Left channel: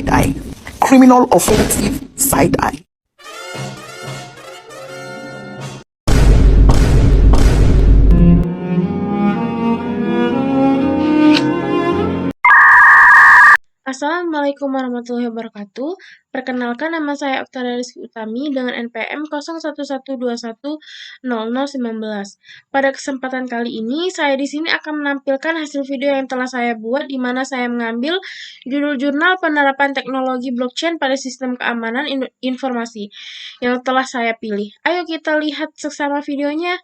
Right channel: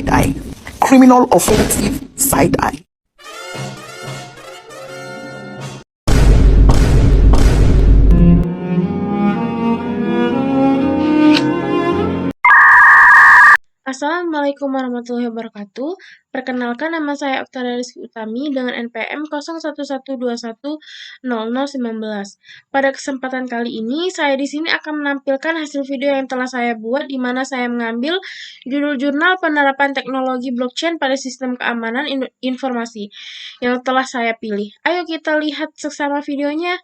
side eye. Criminal offensive side eye. Assalamualaikum warahmatullahi wabarakatuh. Perkenalkan, nama saya Oktaria Rizky Utami dengan NPM 0112100019. Pada kesempatan kali ini, saya di sini akan menampilkan hasil video yang telah saya buat, di mana saya mengambil judul jurnal penerapan teknologi blockchain pada sistem keamanan informasi yang telah saya pilih. Ayo kita lihat seksama videonya.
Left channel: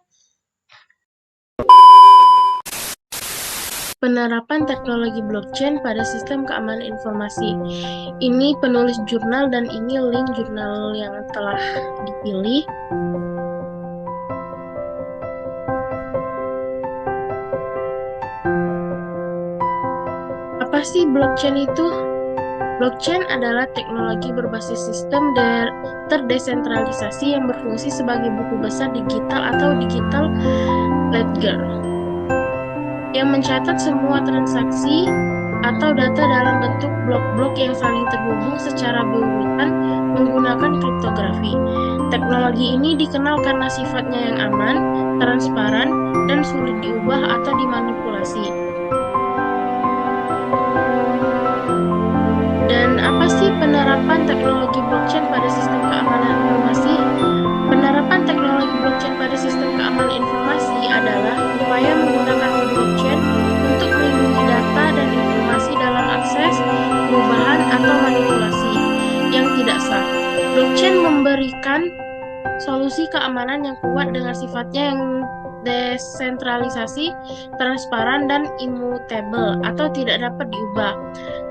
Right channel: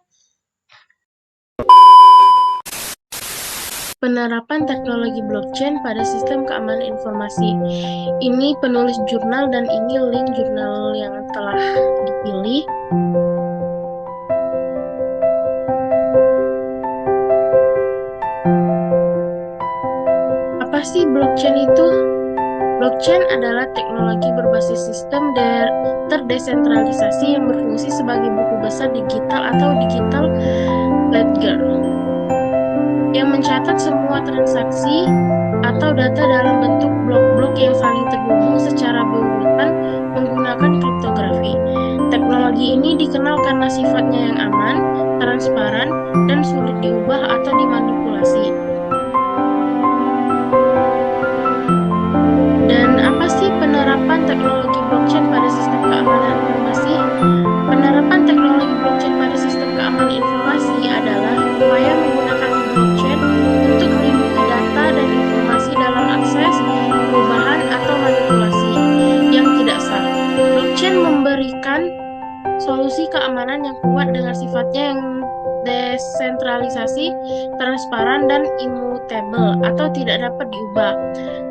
Penerapan teknologi blockchain pada sistem keamanan informasi. Ini penulis jurnal dan ini link jurnal yang telah dipilih. Apa sih blockchain itu? Blockchain adalah teknologi berbasis sistem terdesentralisasi yang berfungsi sebagai buku besar digital atau digital ledger, yang mencatat semua transaksi atau data dalam bentuk blok-blok yang saling terhubung secara berurutan menggunakan kriptografi. Teknologi ini dikenal karena sifatnya yang aman, transparan, dan sulit diubah atau dimanipulasi. Dan apa sih penerapan teknologi blockchain pada sistem keamanan informasi? Penerapan teknologi blockchain pada sistem keamanan informasi adalah upaya menggunakan blockchain untuk melindungi data dan informasi dalam akses, perubahan, atau manipulasi yang tidak sah. Blockchain memberikan solusi keamanan yang kuat dengan sifatnya yang desentralisasi, transparan, dan immutable atau tidak dapat diubah.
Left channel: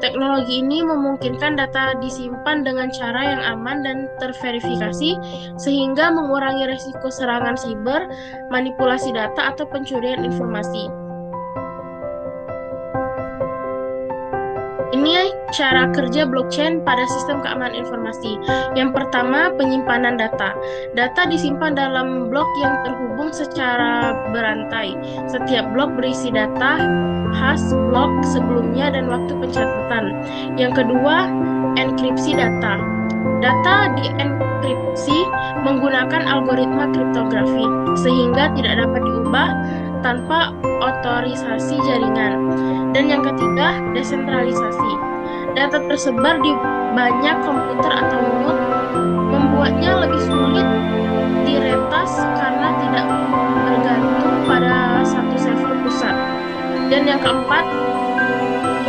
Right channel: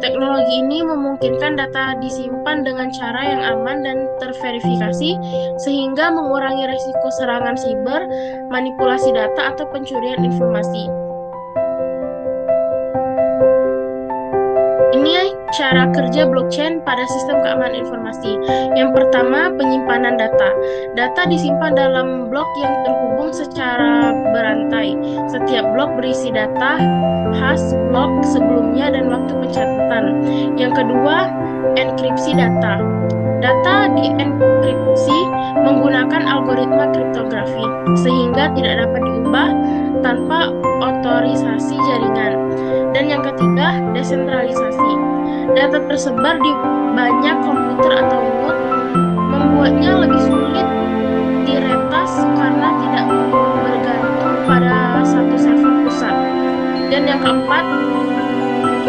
Teknologi ini memungkinkan data disimpan dengan cara yang aman dan terverifikasi, sehingga mengurangi risiko serangan siber, manipulasi data, atau pencurian informasi. Ini cara kerja blockchain pada sistem keamanan informasi. Yang pertama, penyimpanan data. Data disimpan dalam blok yang terhubung secara berantai. Setiap blok berisi data khas blok sebelumnya dan waktu pencatatan. Yang kedua, enkripsi data. Data dienkripsi menggunakan algoritma kriptografi, sehingga tidak dapat diubah tanpa otorisasi jaringan. Dan yang ketiga, desentralisasi. Data tersebar di banyak komputer atau node, membuatnya lebih sulit diretas karena tidak bergantung pada satu server pusat. Dan yang keempat,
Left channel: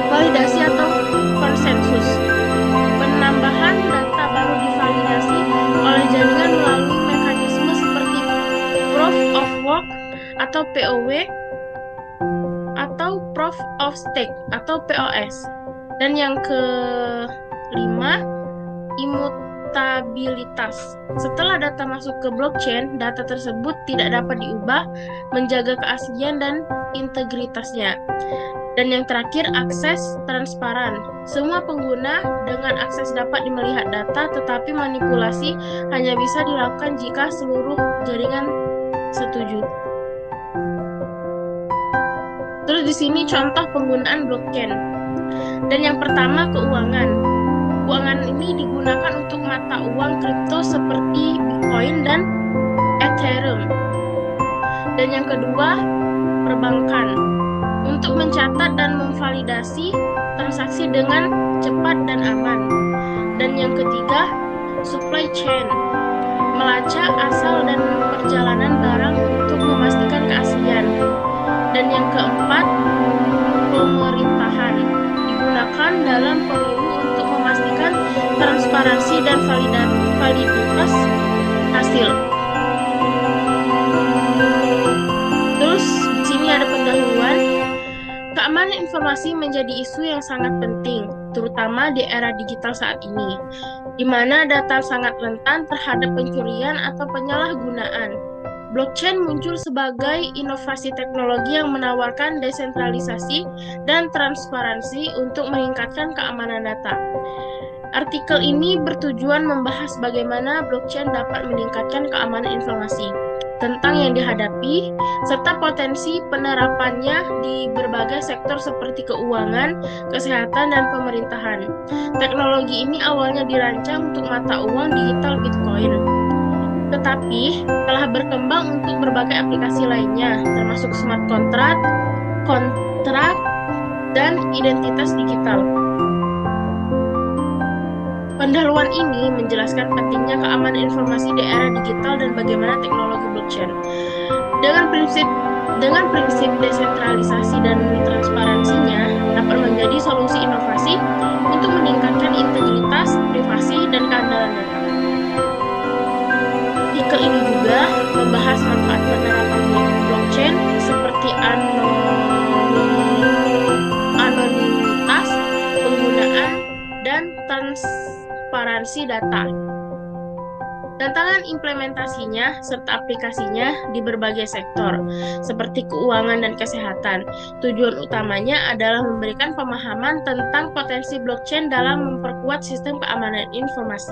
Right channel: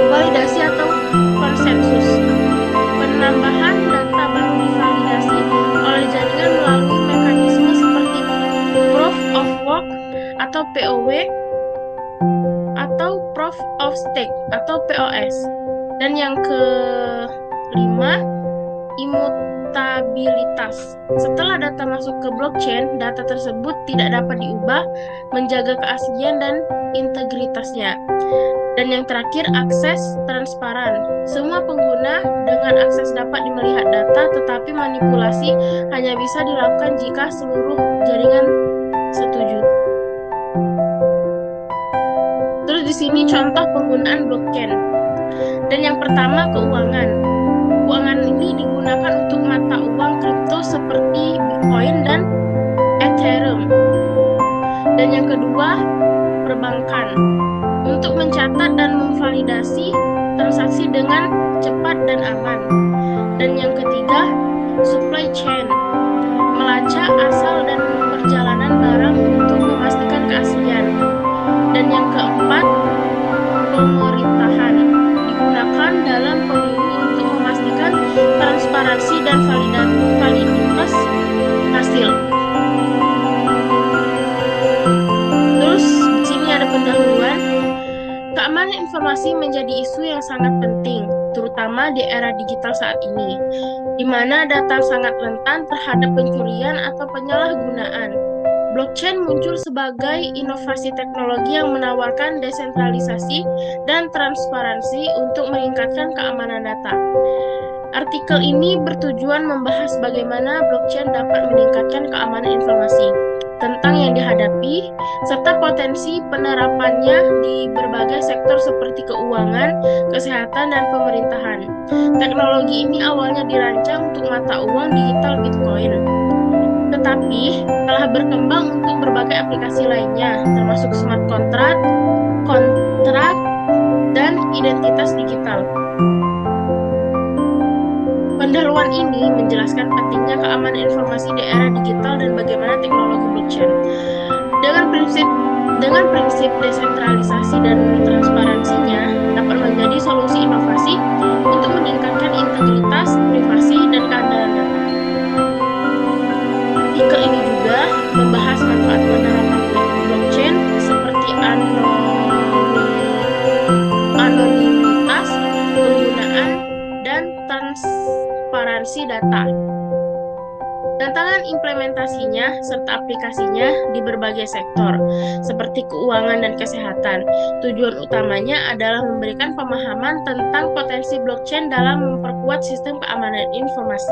validasi atau konsensus. Penambahan data baru divalidasi oleh jaringan melalui mekanisme seperti Proof of Work atau POW atau Proof of Stake atau POS. Dan yang kelima, immutabilitas. Setelah data masuk ke blockchain, data tersebut tidak dapat diubah, menjaga keaslian dan integritasnya. Dan yang terakhir, akses transparan. Semua pengguna dengan akses dapat melihat data, tetapi manipulasi hanya bisa dilakukan jika seluruh jaringan setuju. Terus di sini contoh penggunaan blockchain. Dan yang pertama, keuangan. Keuangan ini digunakan untuk mata uang kripto seperti Bitcoin dan Ethereum. Dan yang kedua, perbankan. Untuk mencatat dan memvalidasi transaksi dengan cepat dan aman. Dan yang ketiga, supply chain. Melacak asal dan perjalanan barang untuk memastikan keaslian. Dan yang keempat, pemerintahan. Digunakan dalam pemilu untuk memastikan transparansi dan validitas hasil. Terus di sini ada pendahuluan. Keamanan informasi menjadi isu yang sangat penting, terutama di era digital saat ini, di mana data sangat rentan terhadap pencurian atau penyalahgunaan. Blockchain muncul sebagai inovasi teknologi yang menawarkan desentralisasi dan transparansi untuk meningkatkan keamanan data. Artikel ini bertujuan membahas bagaimana blockchain dapat meningkatkan keamanan informasi. tentang yang dihadapi, serta potensi penerapannya di berbagai sektor seperti keuangan, kesehatan, dan pemerintahan. Teknologi ini awalnya dirancang untuk mata uang digital Bitcoin, tetapi telah berkembang untuk berbagai aplikasi lainnya, termasuk smart contract, kontrak, dan identitas digital. Pendahuluan ini menjelaskan pentingnya keamanan informasi di era digital dan bagaimana teknologi blockchain dengan prinsip desentralisasi dan transparansinya dapat menjadi solusi inovasi untuk meningkatkan integritas, privasi, dan keandalan data. Artikel ini juga membahas manfaat penerapan blockchain seperti anonimitas penggunaan dan transparansi data. Tantangan implementasinya serta aplikasinya di berbagai sektor, seperti keuangan dan kesehatan. Tujuan utamanya adalah memberikan pemahaman tentang potensi blockchain dalam memperkuat sistem keamanan informasi.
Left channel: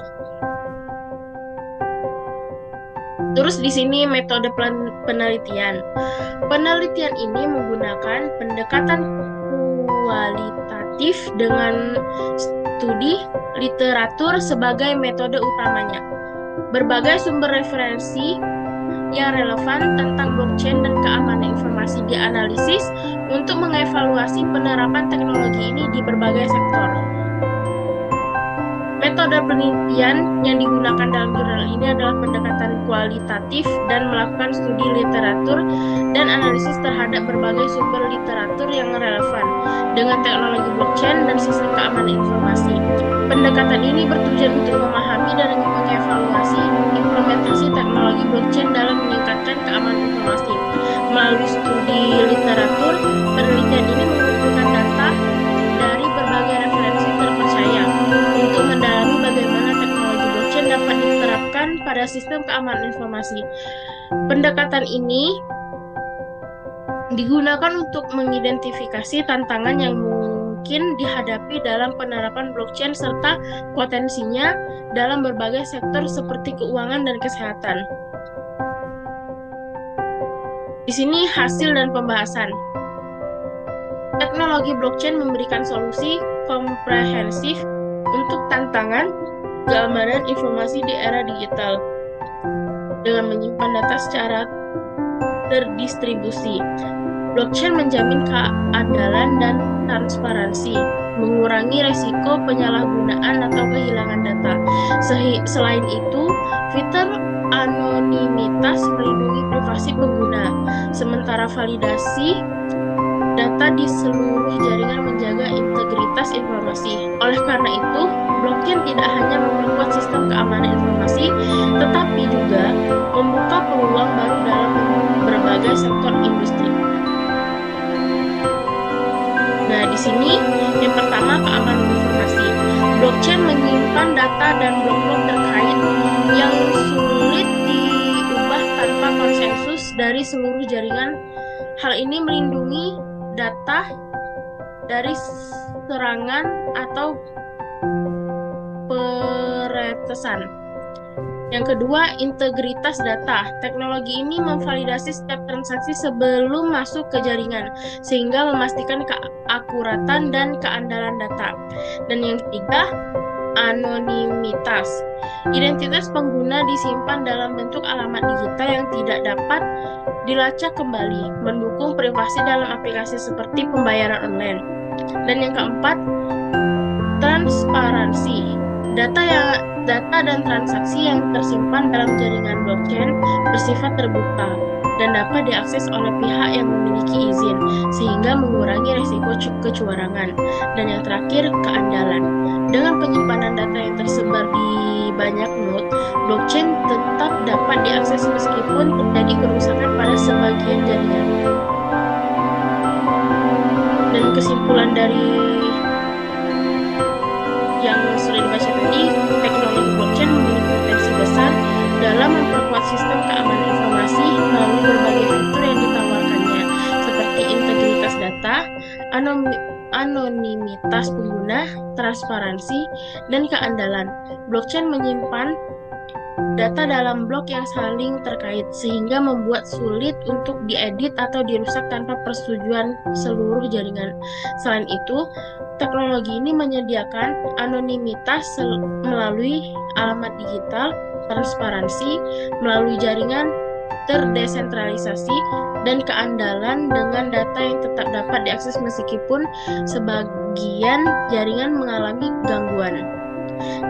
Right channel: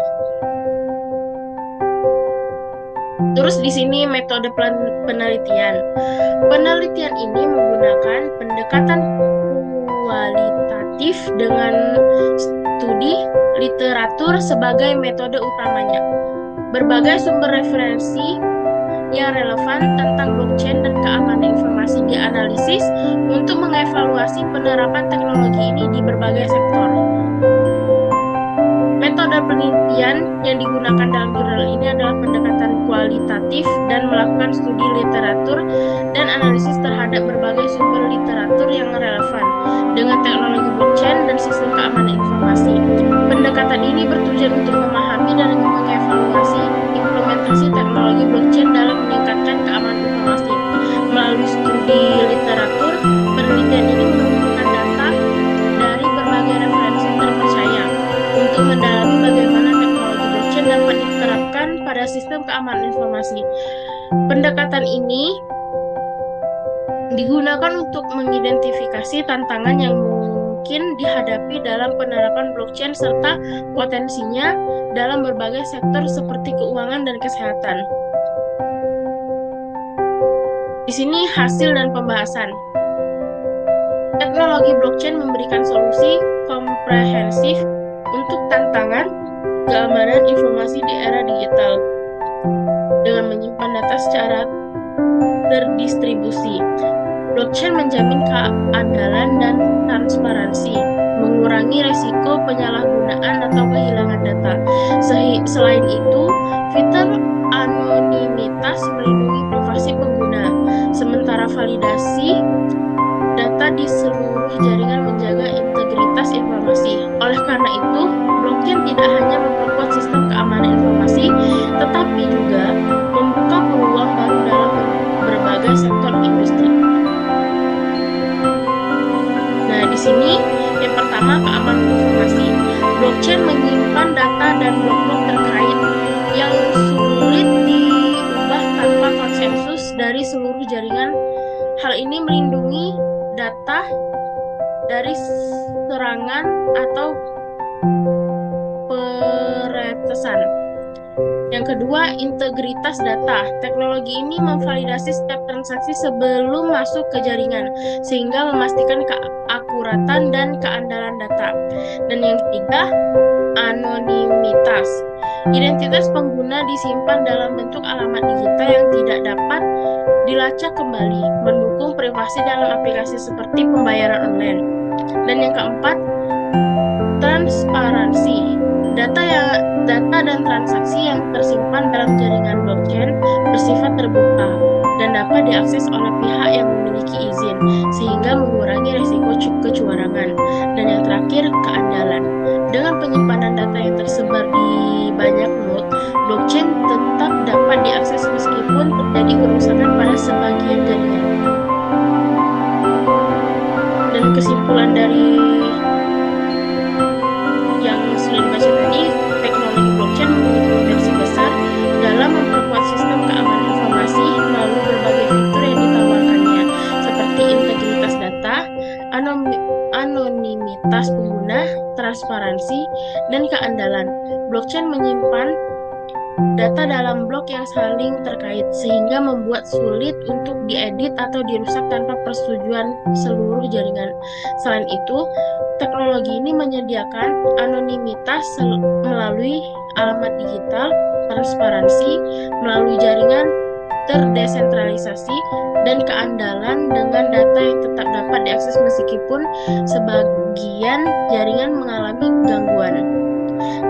Terus di sini metode penelitian. Penelitian ini menggunakan pendekatan kualitatif dengan studi literatur sebagai metode utamanya. Berbagai sumber referensi yang relevan tentang blockchain dan keamanan informasi dianalisis untuk mengevaluasi penerapan teknologi ini di berbagai sektor. Metode penelitian yang digunakan dalam jurnal ini adalah pendekatan kualitatif dan melakukan studi literatur dan analisis terhadap berbagai sumber literatur yang relevan dengan teknologi blockchain dan sistem keamanan informasi. Pendekatan ini bertujuan untuk memahami dan mengevaluasi implementasi teknologi blockchain dalam meningkatkan keamanan informasi. Melalui studi literatur, penelitian ini mengumpulkan data dari berbagai referensi terpercaya untuk mendalami bagaimana teknologi blockchain dapat diterapkan pada sistem keamanan informasi. Pendekatan ini digunakan untuk mengidentifikasi tantangan yang mungkin dihadapi dalam penerapan blockchain serta potensinya dalam berbagai sektor seperti keuangan dan kesehatan. Di sini hasil dan pembahasan. Teknologi blockchain memberikan solusi komprehensif untuk tantangan keamanan informasi di era digital dengan menyimpan data secara terdistribusi. Blockchain menjamin keandalan dan transparansi, mengurangi risiko penyalahgunaan atau kehilangan data. Selain itu, fitur anonimitas melindungi privasi pengguna, sementara validasi data di seluruh jaringan menjaga integritas informasi. Oleh karena itu, blockchain tidak hanya memperkuat sistem keamanan informasi, tetapi juga membuka peluang baru dalam berbagai sektor industri. Nah, di sini yang pertama keamanan informasi. Blockchain menyimpan data dan blok-blok terkait yang sulit diubah tanpa konsensus dari seluruh jaringan. Hal ini melindungi data dari serangan atau peretesan. Yang kedua, integritas data. Teknologi ini memvalidasi setiap transaksi sebelum masuk ke jaringan, sehingga memastikan keakuratan dan keandalan data. Dan yang ketiga, anonimitas. Identitas pengguna disimpan dalam bentuk alamat digital yang tidak dapat dilacak kembali, mendukung privasi dalam aplikasi seperti pembayaran online. Dan yang keempat, transparansi. Data dan transaksi yang tersimpan dalam jaringan blockchain bersifat terbuka dan dapat diakses oleh pihak yang memiliki izin, sehingga mengurangi risiko kecurangan. Dan yang terakhir, keandalan. Dengan penyimpanan data yang tersebar di banyak node, blockchain tetap dapat diakses meskipun terjadi kerusakan pada sebagian jaringan. Dan kesimpulan dari yang sudah dibaca tadi, teknologi blockchain memiliki potensi besar dalam memperkuat sistem keamanan informasi melalui berbagai fitur yang ditawarkannya, seperti integritas data, anonimitas pengguna, transparansi, dan keandalan. Blockchain menyimpan data dalam blok yang saling terkait, sehingga membuat sulit untuk diedit atau dirusak tanpa persetujuan seluruh jaringan. Selain itu, teknologi ini menyediakan anonimitas melalui alamat digital, transparansi melalui jaringan terdesentralisasi, dan keandalan dengan data yang tetap dapat diakses meskipun sebagian jaringan mengalami gangguan.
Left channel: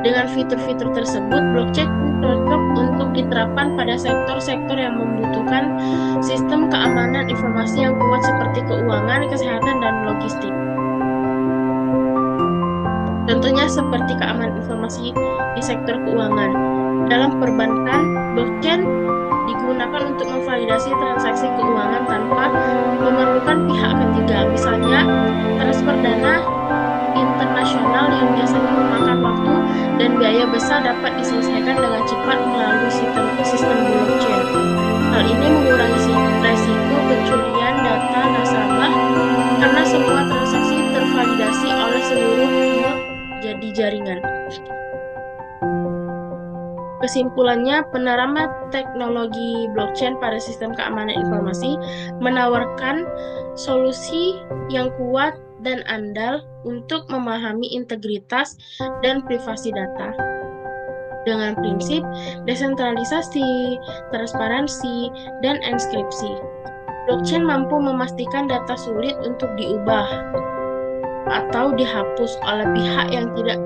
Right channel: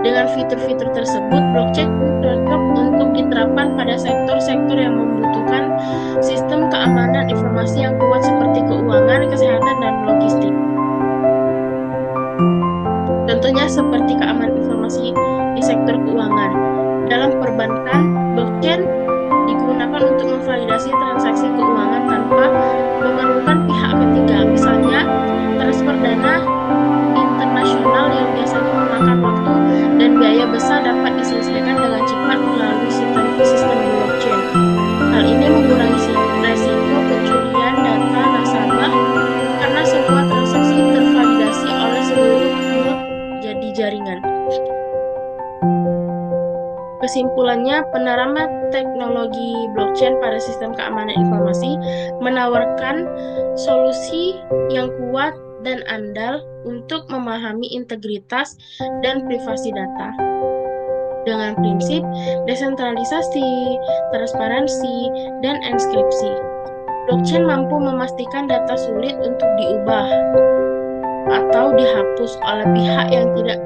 Dengan fitur-fitur tersebut, blockchain cocok untuk diterapkan pada sektor-sektor yang membutuhkan sistem keamanan informasi yang kuat seperti keuangan, kesehatan, dan logistik. Contohnya seperti keamanan informasi di sektor keuangan. Dalam perbankan, blockchain digunakan untuk memvalidasi transaksi keuangan tanpa memerlukan pihak ketiga. Misalnya, transfer dana internasional yang biasanya memakan waktu dan biaya besar dapat diselesaikan dengan cepat melalui sistem blockchain. Hal ini mengurangi resiko pencurian data nasabah karena semua transaksi tervalidasi oleh seluruh node jadi jaringan. Kesimpulannya, penerapan teknologi blockchain pada sistem keamanan informasi menawarkan solusi yang kuat dan andal untuk memahami integritas dan privasi data. Dengan prinsip desentralisasi, transparansi, dan enkripsi, blockchain mampu memastikan data sulit untuk diubah atau dihapus oleh pihak yang tidak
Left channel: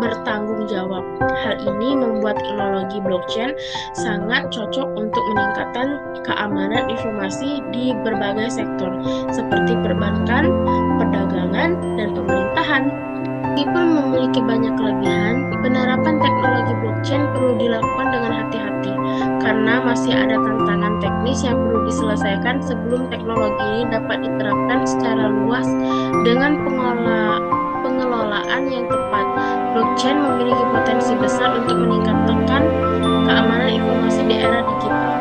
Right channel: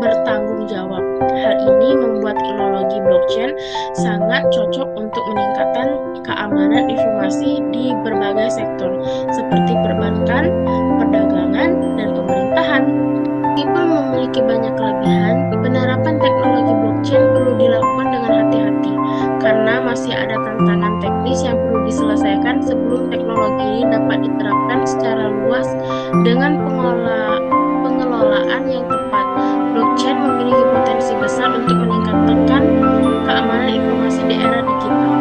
bertanggung jawab. Hal ini membuat teknologi blockchain sangat cocok untuk meningkatkan keamanan informasi di berbagai sektor, seperti perbankan, perdagangan, dan pemerintahan. Meskipun memiliki banyak kelebihan, penerapan teknologi blockchain perlu dilakukan dengan hati-hati, karena masih ada tantangan teknis yang perlu diselesaikan sebelum teknologi ini dapat diterapkan secara luas dengan pengelolaan yang tepat. Blockchain memiliki potensi besar untuk meningkatkan keamanan informasi di era digital.